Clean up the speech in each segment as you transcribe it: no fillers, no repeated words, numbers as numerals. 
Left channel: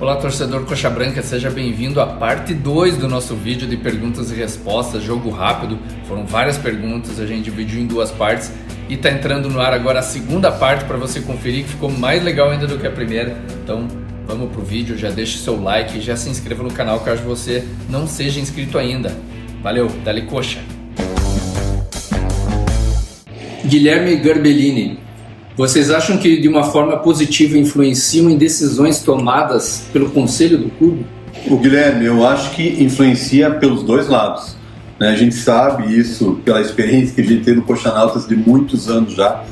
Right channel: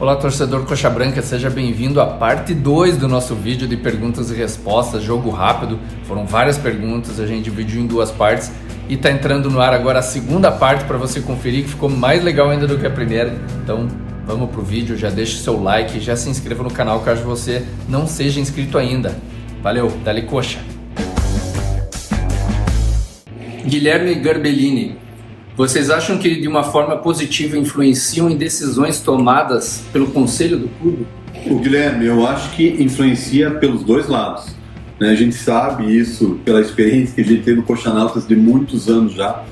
Olá, torcedor Coxa Branca, seja bem-vindo à parte 2 do nosso vídeo de perguntas e respostas, jogo rápido. Foram várias perguntas, a gente dividiu em 2 partes e está entrando no ar agora a segunda parte para você conferir, que ficou mais legal ainda do que a primeira. Então vamos pro vídeo, já deixa o seu like e já se inscreva no canal caso você não seja inscrito ainda. Valeu, dale coxa! Guilherme Garbellini: vocês acham que de uma forma positiva influenciam em decisões tomadas pelo conselho do clube? O Guilherme, eu acho que influencia pelos dois lados. A gente sabe isso pela experiência que a gente tem no Coxanautas de muitos anos já,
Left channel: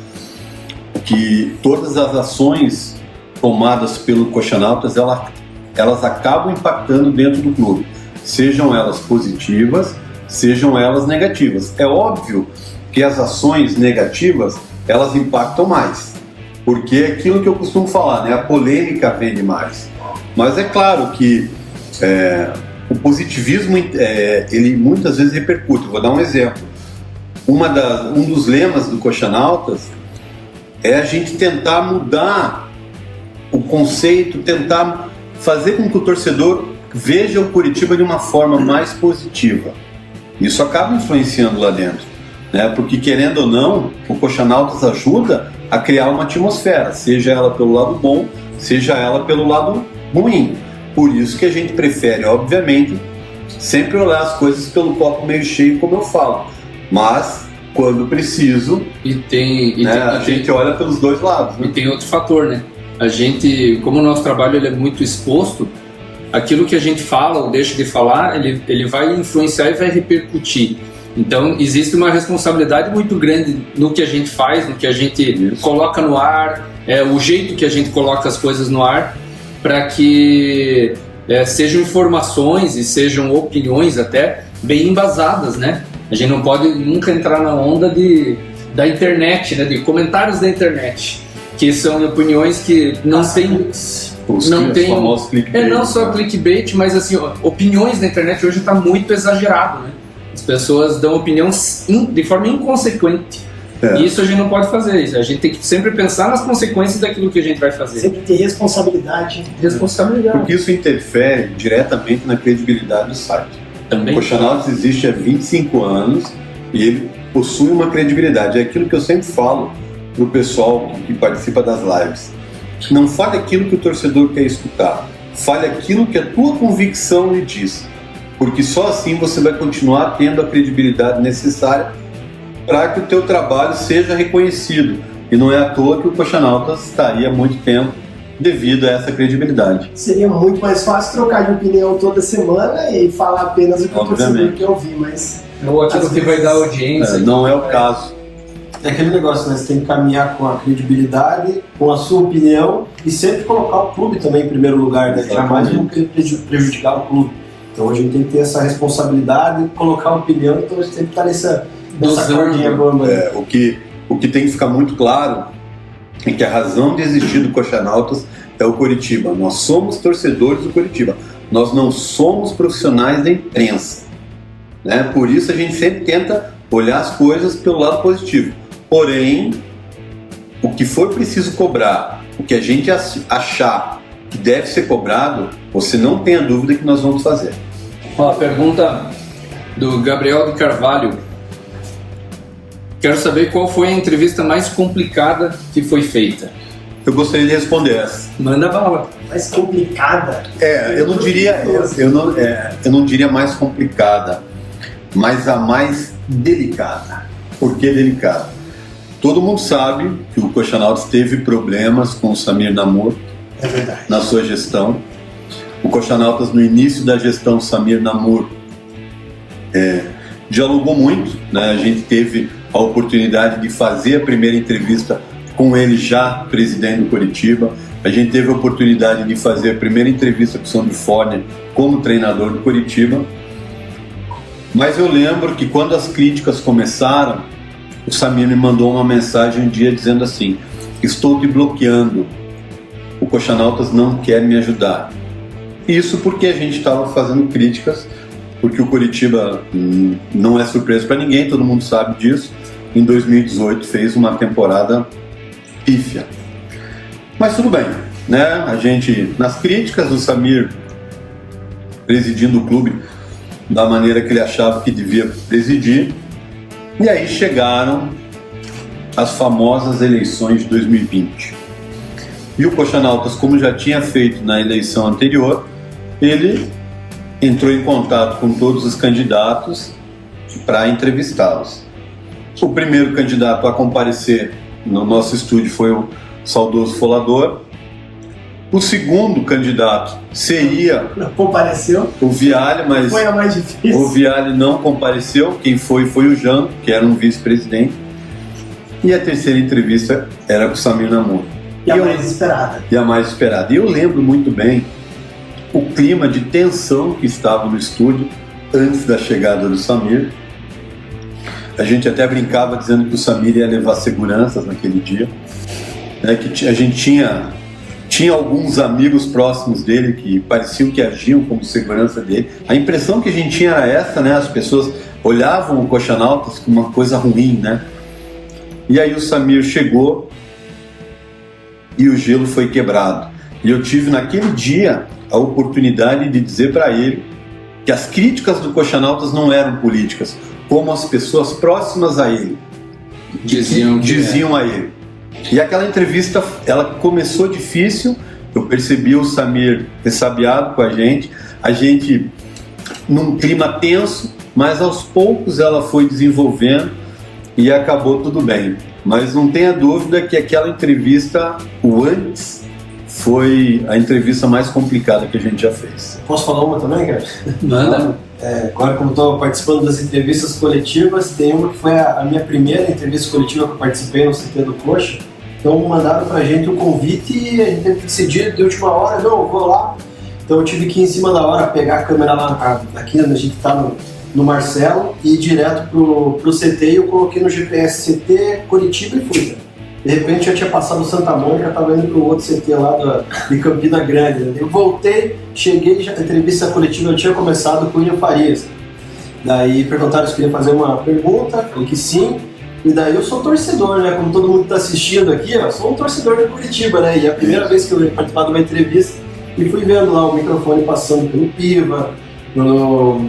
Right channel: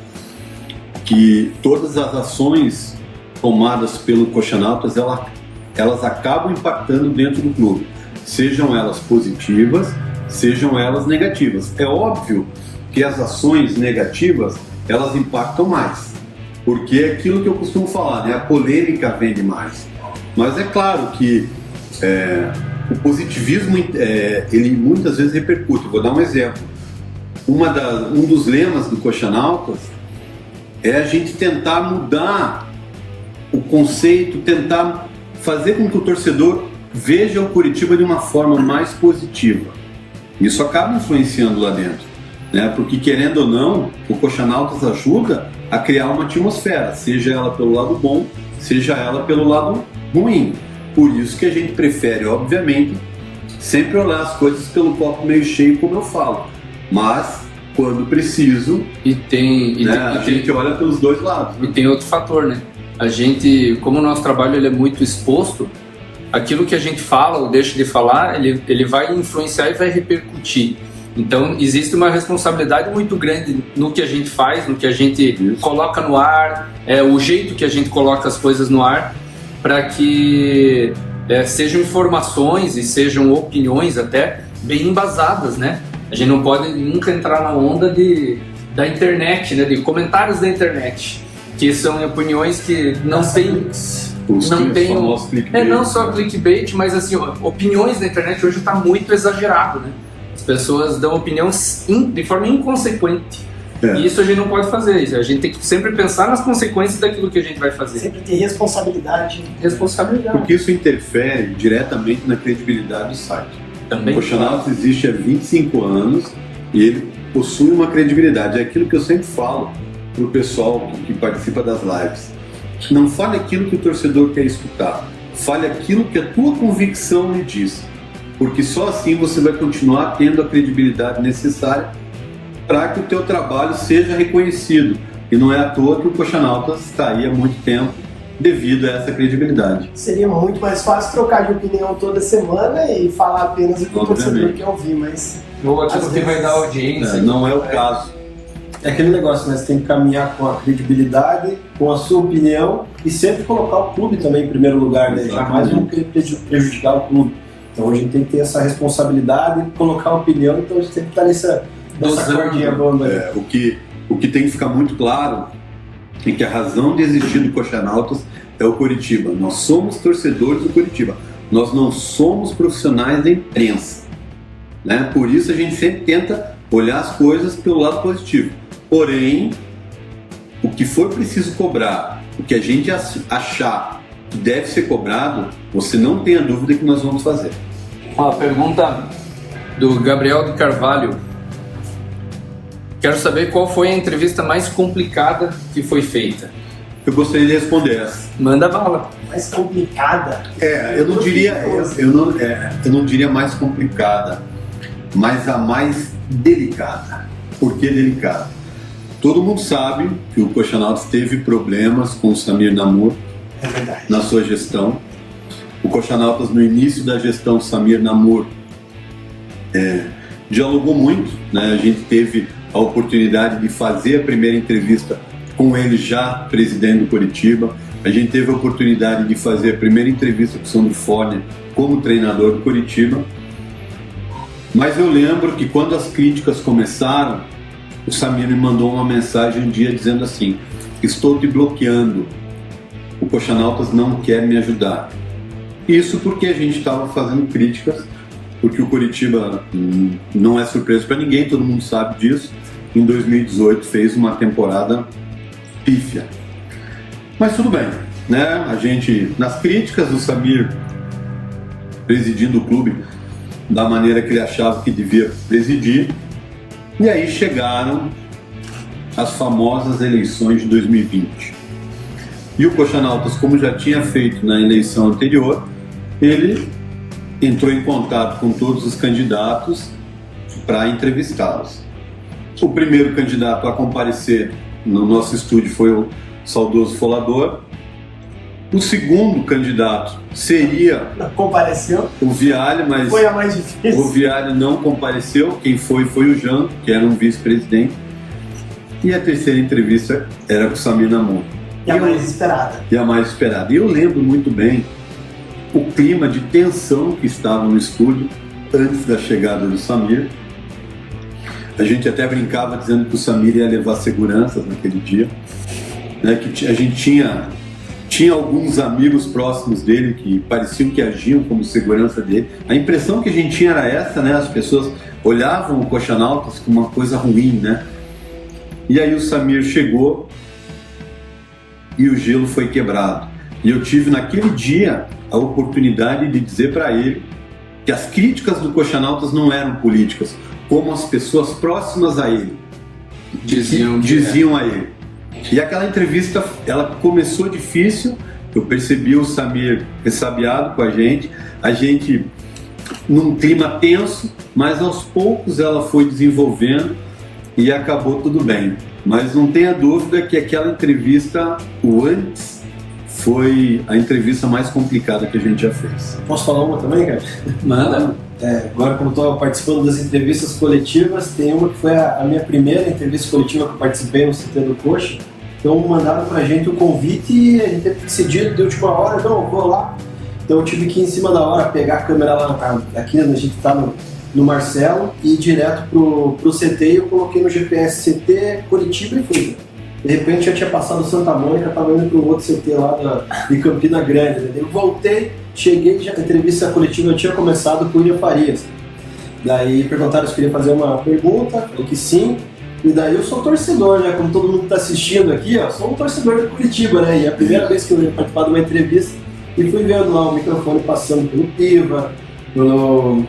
que todas as ações tomadas pelo Coxanautas, elas acabam impactando dentro do clube, sejam elas positivas, sejam elas negativas. É óbvio que as ações negativas elas impactam mais, porque é aquilo que eu costumo falar, né? A polêmica vende mais. Mas é claro que o positivismo ele muitas vezes repercute. Vou dar um exemplo. Um dos lemas do Coxanautas é a gente tentar mudar o conceito, tentar fazer com que o torcedor veja o Curitiba de uma forma mais positiva. Isso acaba influenciando lá dentro. Porque, querendo ou não, o Coxanautas ajuda a criar uma atmosfera, seja ela pelo lado bom, seja ela pelo lado ruim. Por isso que a gente prefere, obviamente, sempre olhar as coisas pelo copo meio cheio, como eu falo. Mas, quando preciso, a gente olha pelos dois lados. E tem outro fator, né? A gente, como o nosso trabalho ele é muito exposto, aquilo que a gente fala ou deixa de falar, ele vai influenciar e vai repercutir. Então, existe uma responsabilidade muito grande no que a gente faz, no que a gente coloca no ar, o jeito que a gente coloca as coisas no ar, para que sejam informações e sejam opiniões até bem embasadas, né? A gente não pode nunca entrar na onda da internet, né? De comentários da internet, que são opiniões que não tem... não só clickbait, mas assim, opiniões da internet hoje está muito exagerado, né? As pessoas dão opinião de forma inconsequente. E isso a gente não pode fazer. A gente tem que sempre pensar nas consequências daquilo que a gente vai fazer. Sempre ter responsabilidade. Porque isso interfere diretamente na credibilidade do site. Também. O Coxanautas existe há 25 anos e ele possui uma credibilidade. É aquilo que eu sempre falo para o pessoal que participa das lives. Não fale aquilo que o torcedor quer escutar. Fale aquilo que a tua convicção lhe diz. Porque só assim você vai continuar tendo a credibilidade necessária para que o teu trabalho seja reconhecido. E não é à toa que o Coxanautas está aí há muito tempo devido a essa credibilidade. Seria muito mais fácil trocar de opinião toda semana e falar apenas o que o torcedor quer ouvir, mas... Ou aquilo que vai dar audiência. Não é o caso. É aquele negócio, né? Você tem que caminhar com a credibilidade, com a sua opinião e sempre colocar o clube também em primeiro lugar, né? Jamais não prejudicar o clube. Então a gente tem que ter essa responsabilidade, colocar uma opinião, então a gente tem que estar nessa cordinha bamba. O que tem que ficar muito claro é que a razão de existir do Coxanautas é o Curitiba. Nós somos torcedores do Curitiba. Nós não somos profissionais da imprensa. Por isso a gente sempre tenta olhar as coisas pelo lado positivo. Porém, o que for preciso cobrar, o que a gente achar que deve ser cobrado, você não tenha dúvida que nós vamos fazer. A pergunta do Gabriel de Carvalho: quero saber qual foi a entrevista mais complicada que foi feita. Eu gostaria de responder essa. Manda bala. Mais complicada? Eu não diria mais complicada, mas a mais delicada. Por que delicada? Todo mundo sabe que o Coxanautas teve problemas com o Samir Namur. É verdade. Na sua gestão. O Coxanautas, no início da gestão Samir Namur, dialogou muito, né? A gente teve a oportunidade de fazer a primeira entrevista com ele já presidente do Curitiba. A gente teve a oportunidade de fazer a primeira entrevista com o Sandro Forne como treinador do Curitiba. Mas eu lembro que quando as críticas começaram, o Samir me mandou uma mensagem um dia dizendo assim: estou te bloqueando. O Coxanautas não quer me ajudar. Isso porque a gente estava fazendo críticas, porque o Curitiba não é surpresa para ninguém, todo mundo sabe disso. Em 2018 fez uma temporada pífia. Mas tudo bem, né? A gente, nas críticas do Samir presidindo o clube da maneira que ele achava que devia presidir, e aí chegaram as famosas eleições de 2020. E o Coxanautas, como já tinha feito na eleição anterior, ele entrou em contato com todos os candidatos para entrevistá-los. O primeiro candidato a comparecer no nosso estúdio foi o saudoso Folador. O segundo candidato seria compareceu. O Viale, mas foi a mais difícil. O Viale não compareceu. Quem foi o Janto, que era um vice-presidente. E a terceira entrevista era com o Samir Namor. E a mais esperada. E a mais esperada. E eu lembro muito bem o clima de tensão que estava no estúdio antes da chegada do Samir. A gente até brincava dizendo que o Samir ia levar seguranças naquele dia, né? Que a gente tinha alguns amigos próximos dele que pareciam que agiam como segurança dele. A impressão que a gente tinha era essa, né? As pessoas olhavam o Coxanautas como uma coisa ruim, né? E aí o Samir chegou e o gelo foi quebrado. E eu tive naquele dia a oportunidade de dizer para ele que as críticas do Coxanautas não eram políticas, como as pessoas próximas a ele diziam a ele. E aquela entrevista, ela começou difícil, eu percebi o Samir ressabiado com a gente num clima tenso, mas aos poucos ela foi desenvolvendo e acabou tudo bem. Mas não tenha dúvida que aquela entrevista, o antes, foi a entrevista mais complicada que a gente já fez. Posso falar uma também, cara? Manda. Agora, como estou participando das entrevistas coletivas, tem uma que foi a minha primeira entrevista coletiva que eu participei no CT do Coxa. Então mandaram pra gente o convite e a gente teve que decidir de última hora, não, eu vou lá. Então eu tive que ir em cima da hora pegar a câmera lá, aqui onde a gente tá no Marcelo, e ir direto pro CT, e eu coloquei no GPS CT Curitiba e fui. De repente já tinha passado Santa Mônica, tava indo pro outro CT lá de Campina Grande. Eu voltei, cheguei, já a entrevista coletiva eu tinha começado com o William Farias. Daí perguntaram se queria fazer uma pergunta, falei que sim. E daí eu sou torcedor, né? Como todo mundo está assistindo aqui, eu sou um torcedor de Curitiba, né? E é a primeira vez que eu ia participar de uma entrevista e fui vendo lá o microfone passando pelo Piva,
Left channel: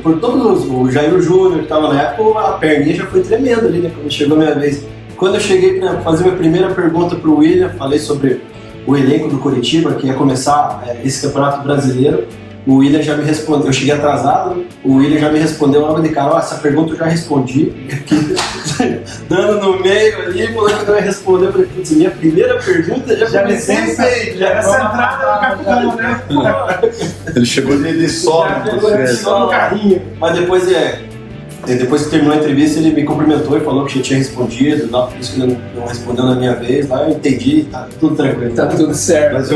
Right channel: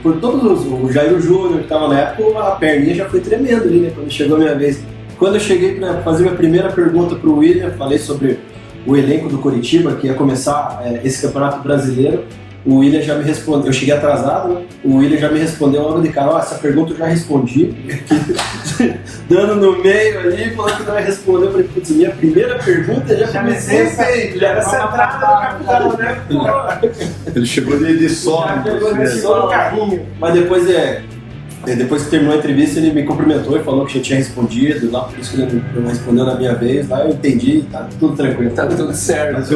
por todos o Jair Júnior que estava na época, a perninha já foi tremenda ali, né? Quando chegou a minha vez. Quando eu cheguei para fazer minha primeira pergunta para o William, falei sobre o elenco do Curitiba, que ia começar esse campeonato brasileiro. O William já me respondeu, eu cheguei atrasado, né? O William já me respondeu logo de cara, essa pergunta eu já respondi. Dando no meio ali, falou que eu ia responder, eu falei, putz, minha primeira pergunta já me feito, já era centrada no capitão, né? Ele chegou de solo, no carrinho. Mas depois que terminou a entrevista, ele me cumprimentou e falou que já tinha respondido, por isso que ele não respondeu na minha vez, lá eu entendi, tá tudo tranquilo. Tá tudo certo. Mas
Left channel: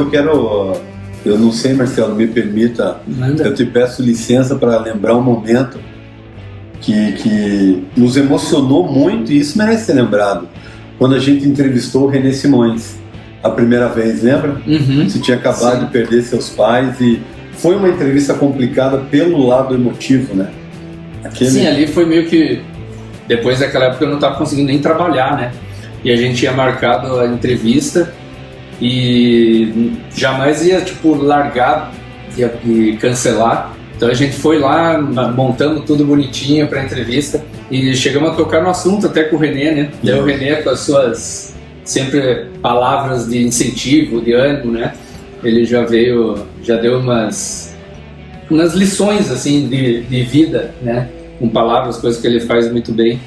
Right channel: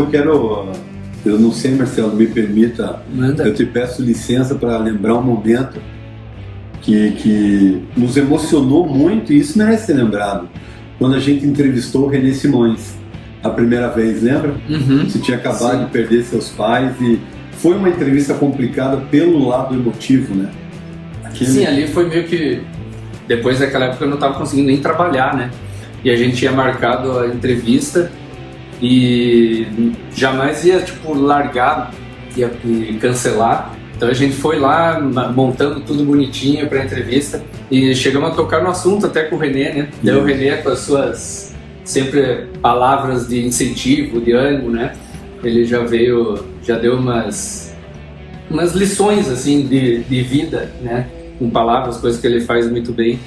eu não sei, Marcelo, me permita, eu te peço licença para lembrar um momento que nos emocionou muito, e isso merece ser lembrado. Quando a gente entrevistou o René Simões, a primeira vez, lembra? Uhum. Você tinha acabado de perder seus pais e foi uma entrevista complicada pelo lado emotivo, né? Sim, ali foi meio que... Depois daquela época eu não estava conseguindo nem trabalhar, né? E a gente tinha marcado a entrevista e jamais ia, largar e cancelar. Então a gente foi lá, montando tudo bonitinho para a entrevista e chegamos a tocar no assunto até com o René, né? Daí o René, com as suas sempre palavras de incentivo, de ânimo, né? Ele já deu umas lições, assim, de vida, né? Com palavras, coisas que ele faz muito bem.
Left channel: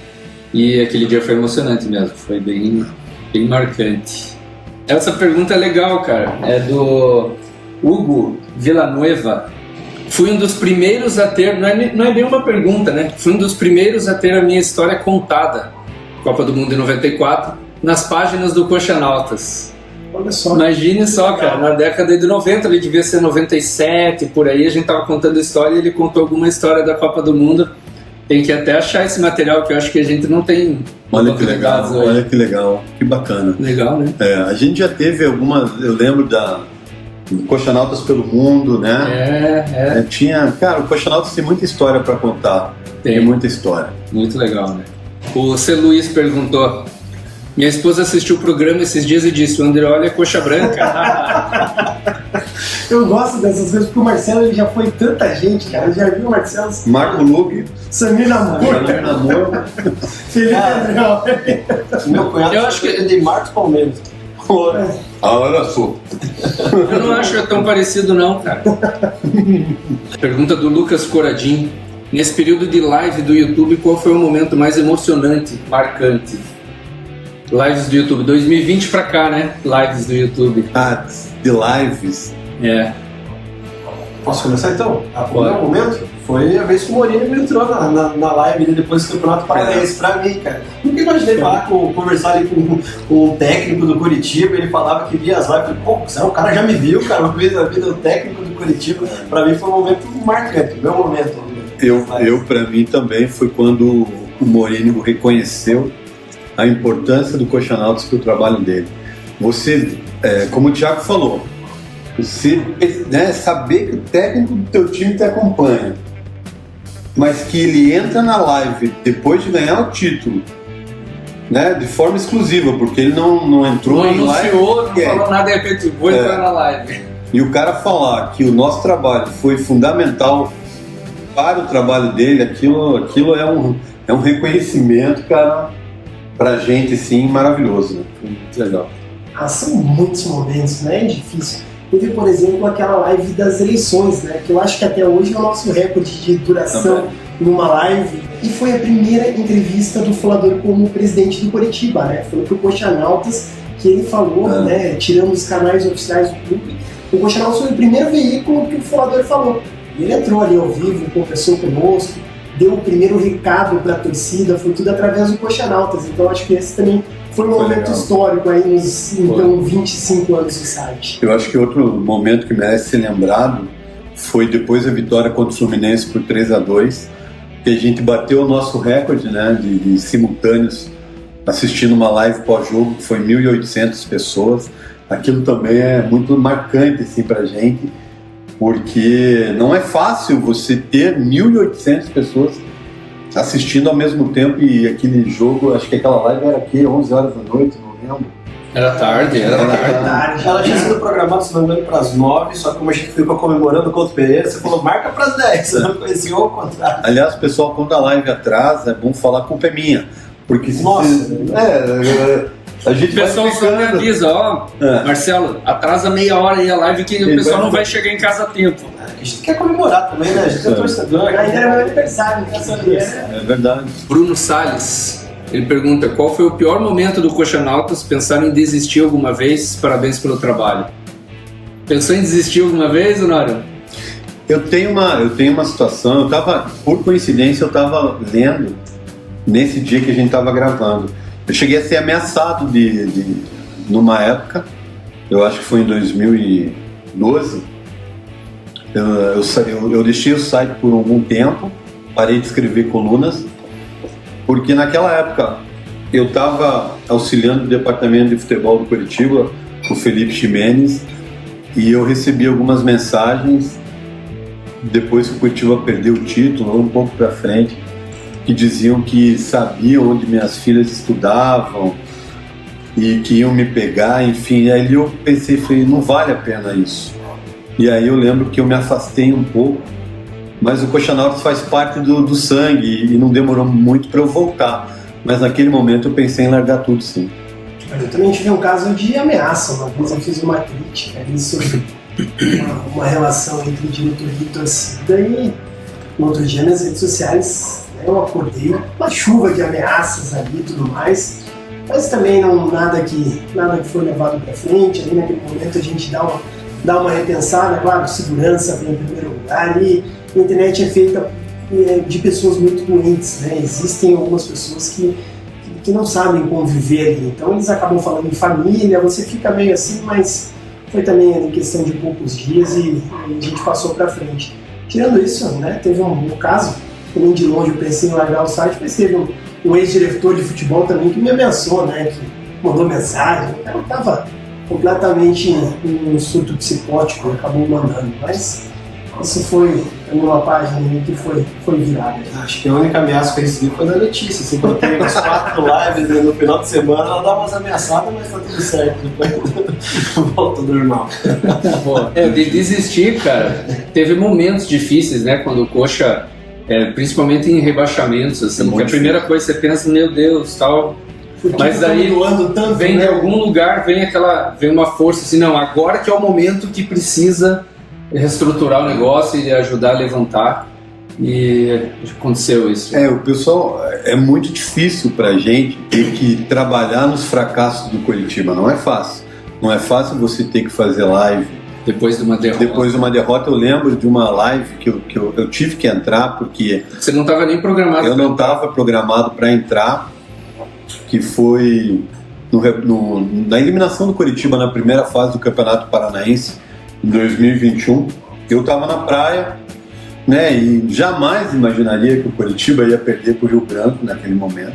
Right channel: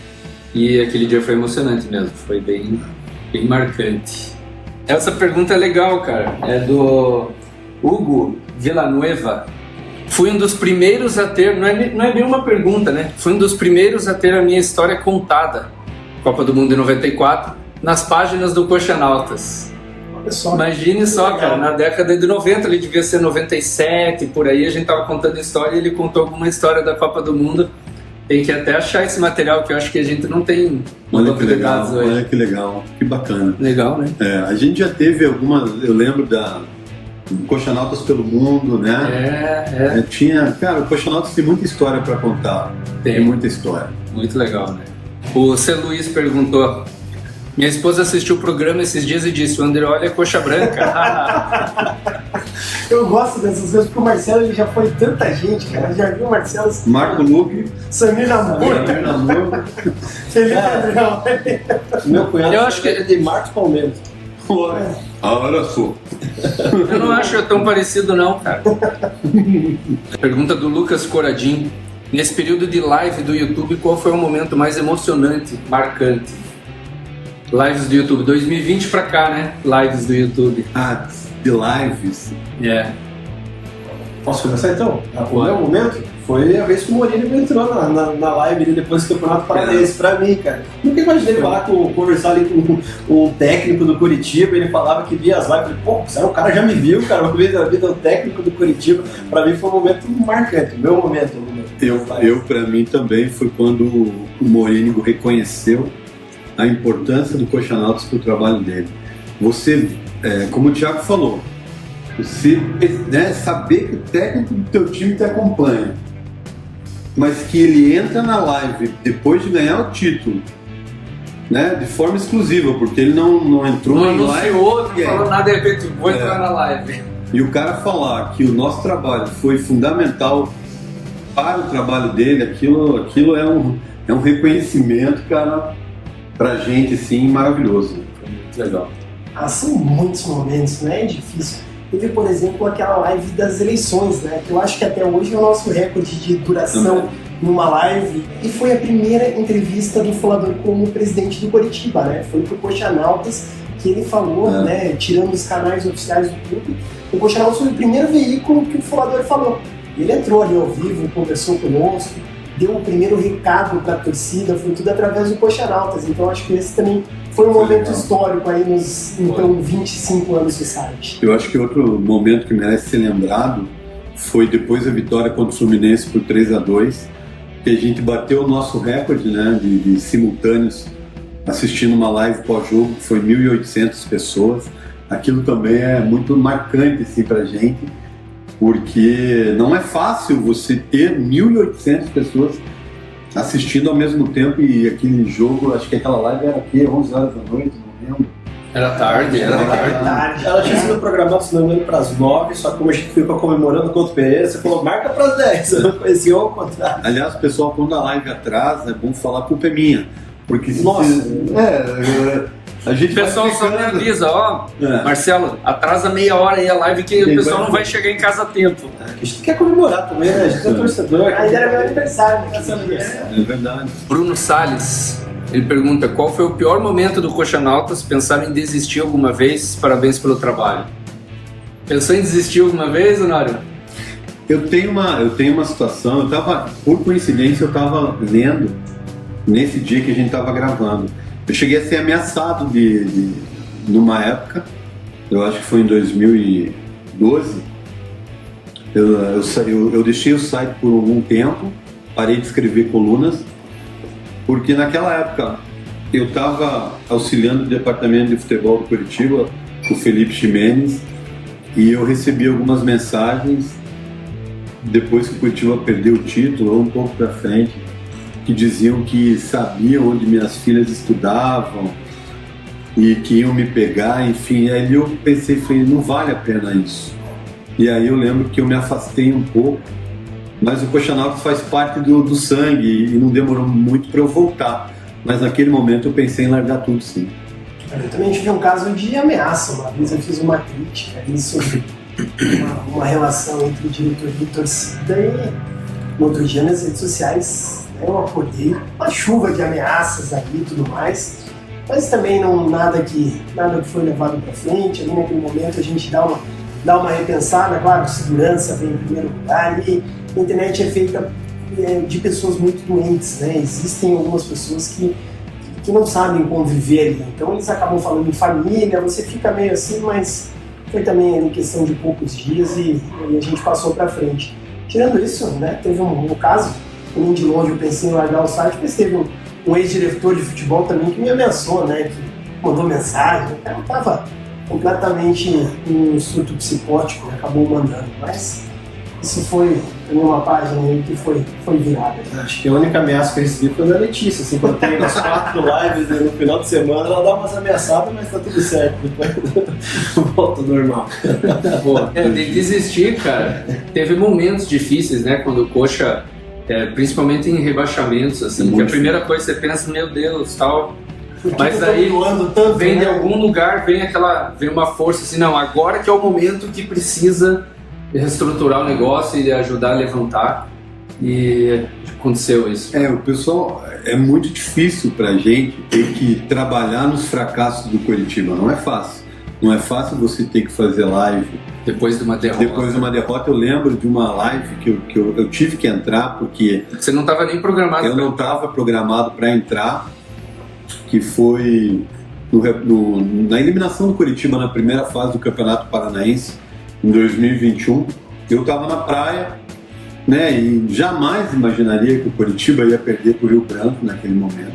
E aquele dia foi emocionante mesmo, foi bem marcante. Essa pergunta é legal, cara. É do Hugo Villanueva. Fui um dos primeiros a ter, não é bem uma pergunta, né? Fui um dos primeiros a ter a minha história contada, Copa do Mundo de 94, nas páginas do Coxanautas. Olha só. Imagine só, cara, na década de 90, ele devia ser 97, por aí, a gente tava contando história e ele contou alguma história da Copa do Mundo. Tem que até achar esse material, que eu acho que a gente não tem. Olha que legal, que bacana. Legal, né? A gente já teve algumas, eu lembro do Coxanautas pelo Mundo, né? Cara, o Coxanautas tem muita história para contar. Tem muita história. Muito legal, né? O C. Luiz perguntou: Minha esposa assistiu o programa esses dias e disse: o Andreoli é coxa branca. Eu gosto dessas coisas, porque o Marcelo ele já foi tanta gente, cara. Eu já vi o Marcelo. Marco Luque, Samir Namor. Felipe Andreoli. Meu cunhado Eu acho que- é de Marcos Palmeiras. olha só. Eu não acho tão parecido, não, cara. Pergunta do Lucas Coradim. Nesse período de live do YouTube, qual foi o momento mais emocionante, marcante? Lives do YouTube, 2020 pra cá, né? Lives do YouTube. De lives. É. Posso começar então? O meu momento foi a vez que o Mourinho entrou na live dele depois do Campeonato Paranaense pra mim, cara. Nunca imaginei conversar ali com o técnico do Curitiba, ele falava que via as lives, eu falei, pô, o cara já me viu, cara, uma vez na vida, o técnico do Curitiba, pra mim foi um momento marcante, meu momento. Eu para mim também foi quando o Mourinho reconheceu a importância do Coxanautas para o trabalho dele. Você, como o Thiago falou, você saber que o técnico do teu time te acompanha, mas que ele entra na live depois de ganhar o título, né, de forma exclusiva, porque ele não entrou Não em live, anunciou, não falou nada, de repente, vou entrar na live. E o cara falar que o nosso trabalho foi fundamental para o trabalho dele, aquilo é um reconhecimento, cara, pra gente, sim, maravilhoso. Foi muito legal. São muitos momentos, né? É difícil. Teve, por exemplo, aquela live das eleições, né? Que eu acho que até hoje é o nosso recorde de duração numa live. E foi a primeira entrevista do Folador como presidente do Coritiba, né? Foi pro Coxanautas que ele falou, né? Tirando os canais oficiais do clube. O Coxanautas foi o primeiro veículo que o Folador falou. Ele entrou ali ao vivo, conversou conosco, deu o primeiro recado para a torcida, foi tudo através do Coxanautas. Então acho que esse também foi um momento histórico aí nos 25 anos de site. Eu acho que outro momento que merece ser lembrado foi depois da vitória contra o Fluminense por 3-2, que a gente bateu o nosso recorde, né, de simultâneos assistindo uma live pós-jogo, que foi 1.800 pessoas. Aquilo também é muito marcante assim, pra gente, porque não é fácil você ter 1.800 pessoas assistindo ao mesmo tempo, e aquele jogo, acho que aquela live era aqui, 11 horas da noite, não lembro. Era tarde. Ela tinha sido programada, se não me engano, para as 9, só que como a gente ficou comemorando contra o Pereira, você falou, marca para as 10, eu falei ao contrário. Aliás, pessoal, quando a live atrasa, é bom falar que a culpa é minha, porque se Nossa. a gente O pessoal só me avisa, Marcelo, atrasa meia hora aí a live que o pessoal não vai chegar em casa a tempo. A gente quer comemorar também, né? A gente é torcedor. Aí era meu aniversário, É verdade. Bruno Salles, ele pergunta, qual foi o pior momento do Coxanautas? Pensaram em desistir alguma vez? Parabéns pelo trabalho. Pensou em desistir alguma vez, Honório? Eu tenho uma situação, por coincidência, eu estava lendo nesse dia que a gente estava gravando. Eu cheguei a ser ameaçado numa época, eu acho que foi em 2012, eu deixei o site por algum tempo, parei de escrever colunas, porque naquela época eu estava auxiliando o departamento de futebol do Curitiba, o Felipe Ximenes, e eu recebi algumas mensagens depois que o Curitiba perdeu o título, ou um pouco para frente, que diziam que sabiam onde minhas filhas estudavam e que iam me pegar, enfim. E aí eu pensei, falei, não vale a pena isso. E aí eu lembro que eu me afastei um pouco, mas o Coxanautas faz parte do sangue e não demorou muito para eu voltar. Mas naquele momento eu pensei em largar tudo, sim. Eu também tive um caso de ameaça. Uma vez eu fiz uma crítica ali sobre uma relação entre o diretor e a torcida, e no outro dia nas redes sociais eu acordei uma chuva de ameaças ali e tudo mais, mas também nada que foi levado para frente. Ali naquele momento a gente dá uma repensada, claro, segurança vem em primeiro lugar, e a internet é feita de pessoas muito doentes, né? Existem algumas pessoas que não sabem conviver ali, então eles acabam falando de família, você fica meio assim, mas foi também em questão de poucos dias e a gente passou para frente. Tirando isso, né, teve um caso, também de longe eu pensei em largar o site, mas teve um ex-diretor de futebol também que me abençoou, né, que mandou mensagem, o cara estava completamente em um surto psicótico, acabou mandando, mas isso foi em uma página aí que foi virada. Acho que a única ameaça que eu recebi foi da Letícia, assim, quando tem umas 4 lives no final de semana, ela dá umas ameaçadas, mas tá tudo certo, depois volta ao normal. Bom, de desistir, cara, teve momentos difíceis, né, quando o Coxa, principalmente em rebaixamentos, assim, que a primeira coisa que você pensa, meu Deus, tal, mas aí tanto, vem de né? algum lugar, vem uma força assim, não, agora que é o momento que precisa reestruturar o negócio e ajudar a levantar, e aconteceu isso. O pessoal, é muito difícil pra gente ter que trabalhar nos fracassos do Coritiba, não é fácil. Não é fácil você ter que fazer live. Depois de uma derrota. Depois de uma derrota, eu lembro de uma live que eu tive que entrar, porque... Você não estava nem programado. Eu não estava programado para entrar, que foi na eliminação do Coritiba na primeira fase do Campeonato Paranaense, em 2021. Eu estava na praia, né, e jamais imaginaria que o Coritiba ia perder para o Rio Branco naquele momento.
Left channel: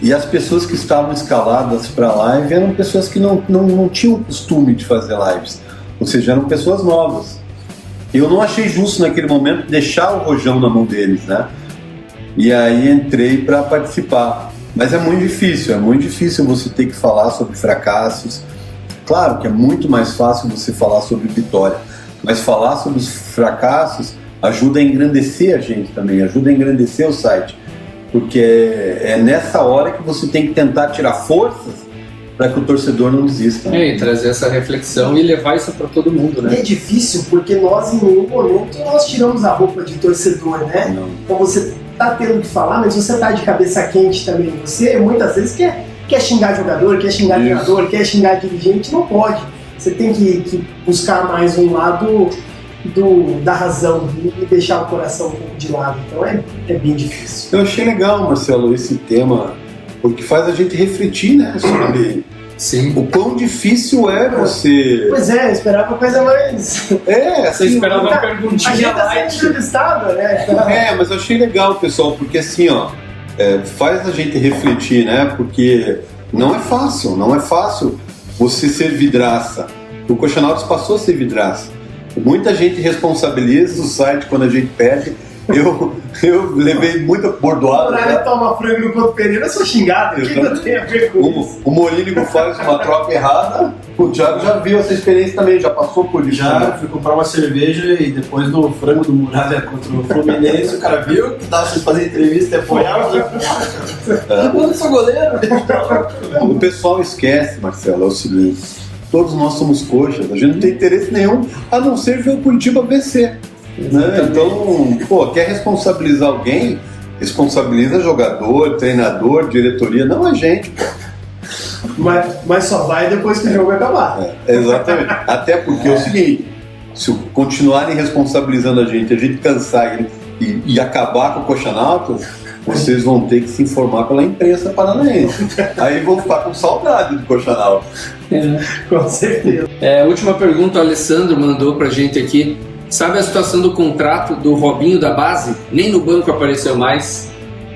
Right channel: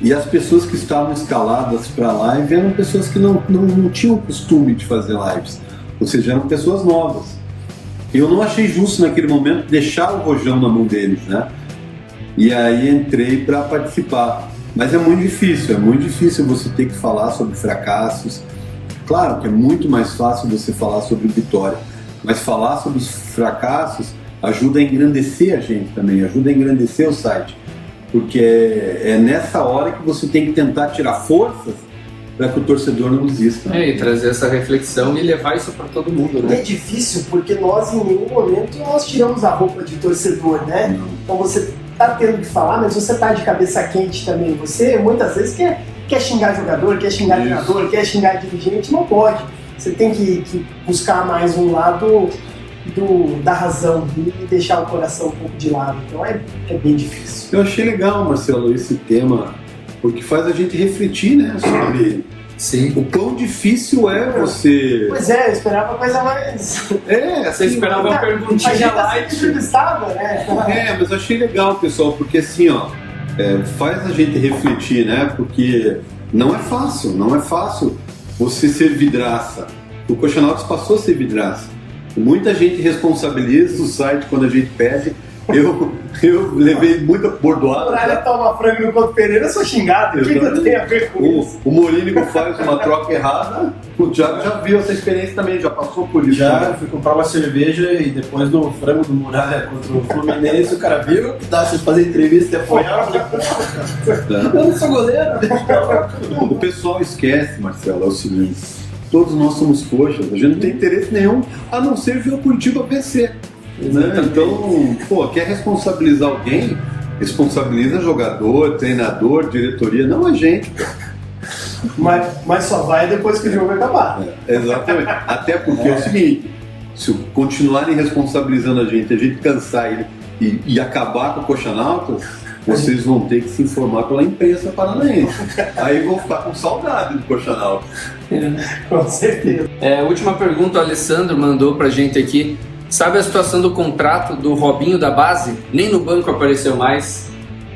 E as pessoas que estavam escaladas para a live eram pessoas que não tinham costume de fazer lives, ou seja, eram pessoas novas. Eu não achei justo naquele momento deixar o rojão na mão deles, né? E aí entrei para participar. Mas é muito difícil você ter que falar sobre fracassos. Claro que é muito mais fácil você falar sobre vitória, mas falar sobre os fracassos ajuda a engrandecer a gente também, ajuda a engrandecer o site, porque é nessa hora que você tem que tentar tirar forças para que o torcedor não desista. Né? E trazer essa reflexão e levar isso para todo mundo, né? É difícil porque nós em nenhum momento nós tiramos a roupa de torcedor, né? Não. Então você tá tendo que falar, mas você tá de cabeça quente também. Você muitas vezes quer xingar jogador, quer xingar treinador, quer xingar dirigente, não pode. Você tem que buscar mais um lado da razão e deixar o coração um pouco de lado. Então é bem difícil. Eu achei legal, Marcelo, esse tema, porque faz a gente refletir, né, sobre Sim. o quão difícil é você... Pois é, eu esperava coisa mais... Você esperava uma perguntinha a gente tá light. sendo entrevistada, né? Mas eu achei legal, pessoal, porque assim, faz a gente refletir, né? Porque não é fácil você ser vidraça. O Coxa Nautas passou a ser vidraça. Muita gente responsabiliza o site quando a gente pede. Eu levei muita bordoada. O Muralha toma frango no Couto Pereira, eu sou xingado. O que eu tenho a ver com isso? O Morínigo faz uma troca errada. O Thiago já viu essa experiência também, já passou por isso. Já fui comprar uma cerveja e depois do frango do Muralha contra o Fluminense, o cara viu que dá pra fazer entrevista e apoiar. Eu não sou goleiro. O pessoal esquece, Marcelo, é o seguinte: todos nós somos coxas, a gente não tem interesse nenhum a não ser ver o Curitiba vencer. Né? Então, quer responsabilizar alguém? Responsabiliza jogador, treinador, diretoria, não a gente, pô. Mas só vai depois que o jogo acabar. Exatamente. Até porque é o seguinte: se continuarem responsabilizando a gente cansar e acabar com o Coxa Nautas, vocês vão ter que se informar pela imprensa paranaense. Aí vão ficar com saudade do Coxa Nautas. Com certeza. Última pergunta, o Alessandro mandou pra gente aqui. Sabe a situação do contrato do Robinho da base? Nem no banco apareceu mais.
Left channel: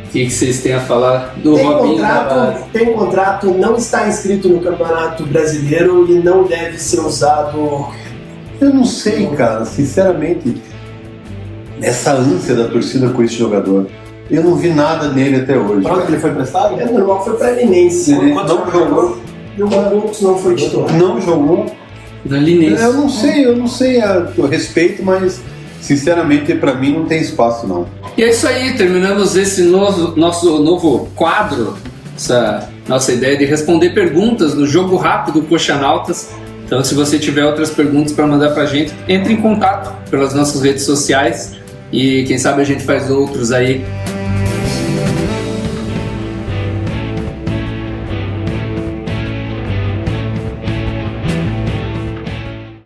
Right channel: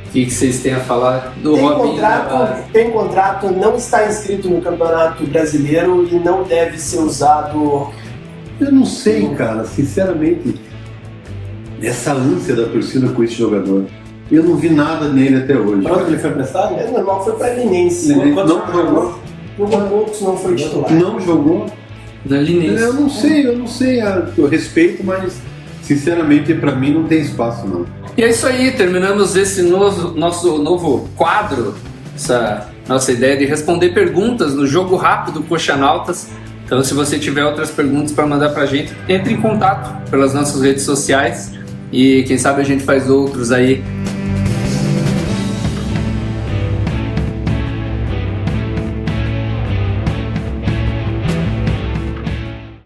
O que vocês têm a falar do Robinho da base? Tem contrato, não está inscrito no Campeonato Brasileiro e não deve ser usado. Eu não sei, cara, sinceramente, essa ânsia da torcida com esse jogador, eu não vi nada nele até hoje. Quando ele foi emprestado? É normal, foi para Linense. Não jogou. Não foi titular. Não jogou. Da Linense. Eu não sei eu respeito, mas sinceramente pra mim não tem espaço não. E é isso aí, terminamos esse nosso novo quadro, essa nossa ideia de responder perguntas no Jogo Rápido Coxa Nautas. Então, se você tiver outras perguntas para mandar pra gente, entre em contato pelas nossas redes sociais e quem sabe a gente faz outros aí